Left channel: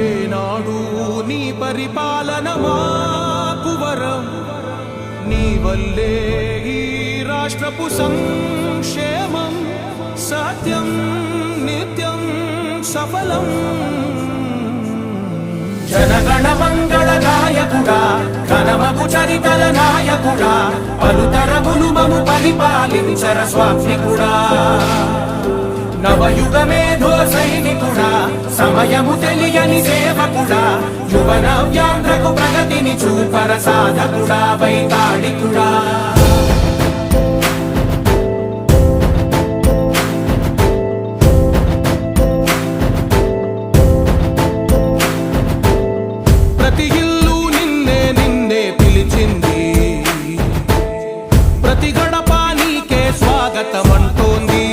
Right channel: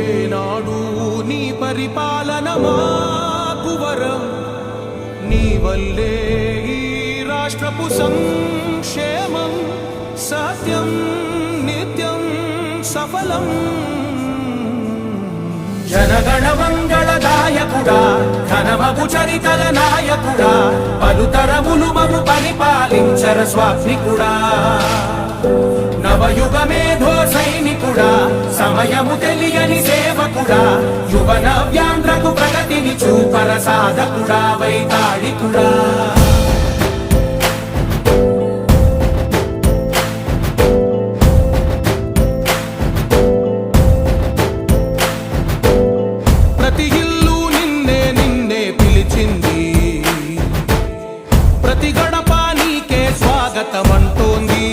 ఏనాడు నీ పరిపాలన మాకు వరం, నీ వల్లే ఈ రాష్ట్రపు సంక్షేమం సత్యం నిత్యం సఫలం. జనగణ మంగళ నాయకుడా, ఘనమగు చరితల నాయకుడా, పలుతరములు మము పరిపాలించర స్వామికుడా. నవయుగ మేధో సైనికుడా, సమయము తెలియని సేవకుడా, యువన వ్యాంధ్రకు ప్రగతిని చూపర సాధకుడా, వైతాళికుడా. ప్రతి ఇల్లు నిన్నే నిన్నే పిలిచింది, ప్రతి గడప నీకే స్వాగతమంటోంది.